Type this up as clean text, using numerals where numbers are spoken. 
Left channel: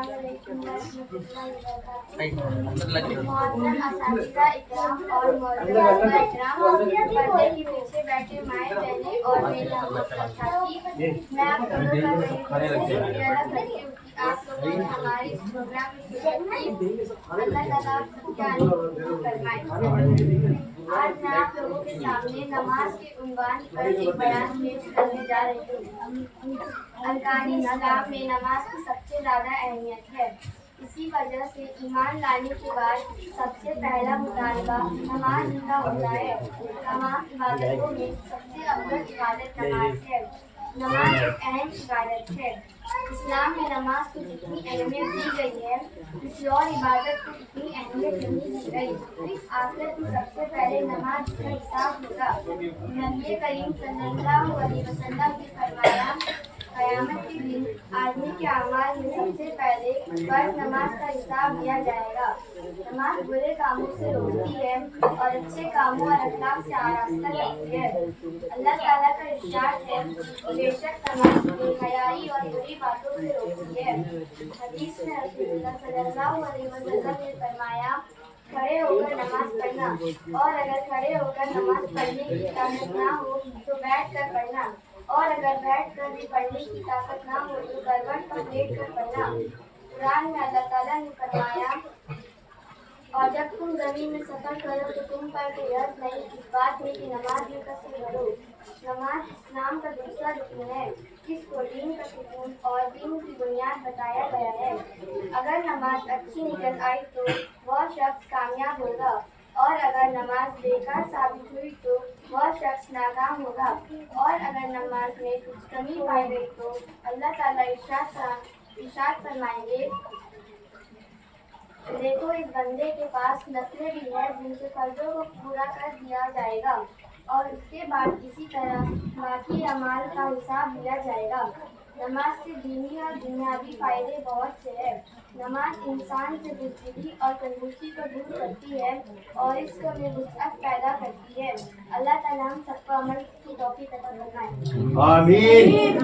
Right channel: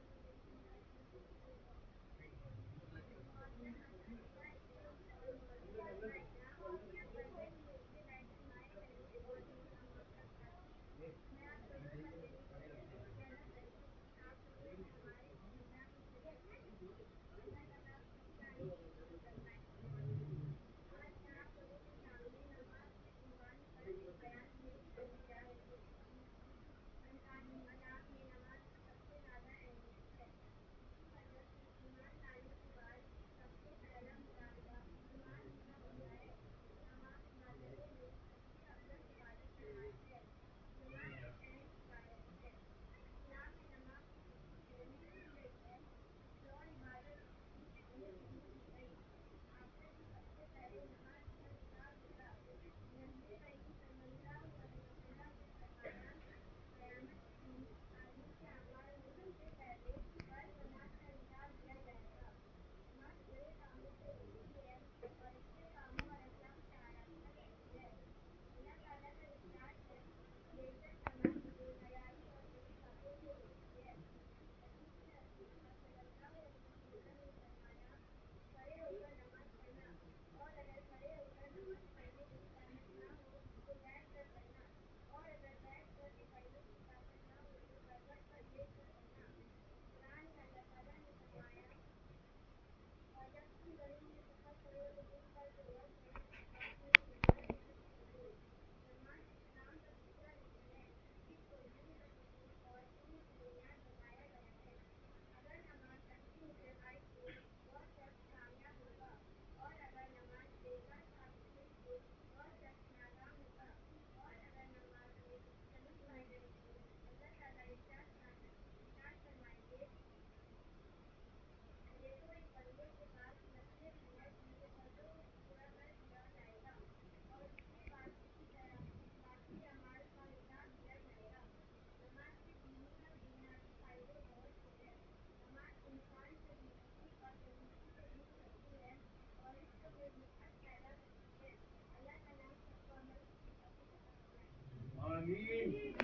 अस्सलाम वालेकुम रहमतुल्लाहि व बरकातुहू। मोहतरम असातिज़ा इकराम और मोहतरम इकराम, पर्दे के पीछे बैठे माएँ बहनें और मेरे हमवतन साथी, मैं आप दोनों का तहे दिल से शुक्रिया अदा करती हूँ कि आप लोगों ने हमारे इस प्रोग्राम में शिरकत की। अल्लाह ताला आप सबके आने को कबूल फरमाए। आज मैं आप लोगों के सामने नमाज के उन्वान पर एक बयान पेश करने जा रही हूँ। अरकान इस्लाम में नमाज की सबसे ज़्यादा अहमियत है। इसी वजह से ईमान लाने के बाद सबसे पहला मुतालबा नमाज का होता है। तमाम इबादतों में सबसे अफजल इबादत नमाज है। नमाज एक अहम इबादत है। इस्लाम में नमाज को जितनी अहमियत दी गई है, किसी और इबादत को इतनी अहमियत नहीं दी गई। आखिरत में सबसे पहले नमाज का हिसाब होगा। नबी करीम सल्लल्लाहु अलैहि वसल्लम ने फरमाया, क़यामत के दिन आदमी के अमाल में सबसे पहले फर्ज नमाज का हिसाब लिया जाएगा। नमाज बुरे कामों से रोकती है और अच्छे कामों और अखलाक से आरास्ता करती है। अल्लाह ताला का इरशाद है, बेशक नमाज बेहयाई और बुरी बातों से रोकती है। हदीस में रसूलुल्लाह सल्लल्लाहु अलैहि वसल्लम ने फरमाया, खड़े होकर नमाज पढ़ना, और अगर खड़े होकर नमाज पढ़ने की ताकत ना हो तो बैठ कर पढ़ना, और अगर बैठ कर भी पढ़ने की ताकत ना हो तो करवट पर लेट कर पढ़ना। कुरान में अल्लाह ताला ने फरमाया, और जब तुम जमीन में सफर करो तो तुम पर कोई हर्ज नहीं इस बात में कि नमाज में कसर करो। नमाज इस्लाम का दूसरा रुकन है, जिसको दीन का सुकून और दीन की बुनियाद बताया गया है। अगर नमाज अच्छी निकल आई तो वह शख्स कामयाब होगा, और अगर नमाज बेकार साबित हुई तो वह शख्स नाकाम होगा, और अगर नमाज में कुछ कमी पाई गई तो अल्लाह ताला इरशाद फरमाएंगे, देखो इस बंदे के पास नस्लें भी हैं जिनसे फर्जों को पूरा कर दिया जाएगा, और उसके बाद इसी तरह बाकी अमाल का हिसाब लिया जाएगा। नमाज से दीनी और दुनियावी फायदे बहुत से हैं। नमाज इंसान से बुज़दिली और कंजूसी को दूर करती है और इसको में वुसअत पैदा करती है। अल्लाह ताला हम सबको अमल की तौफीक अता फरमाए। आमीन।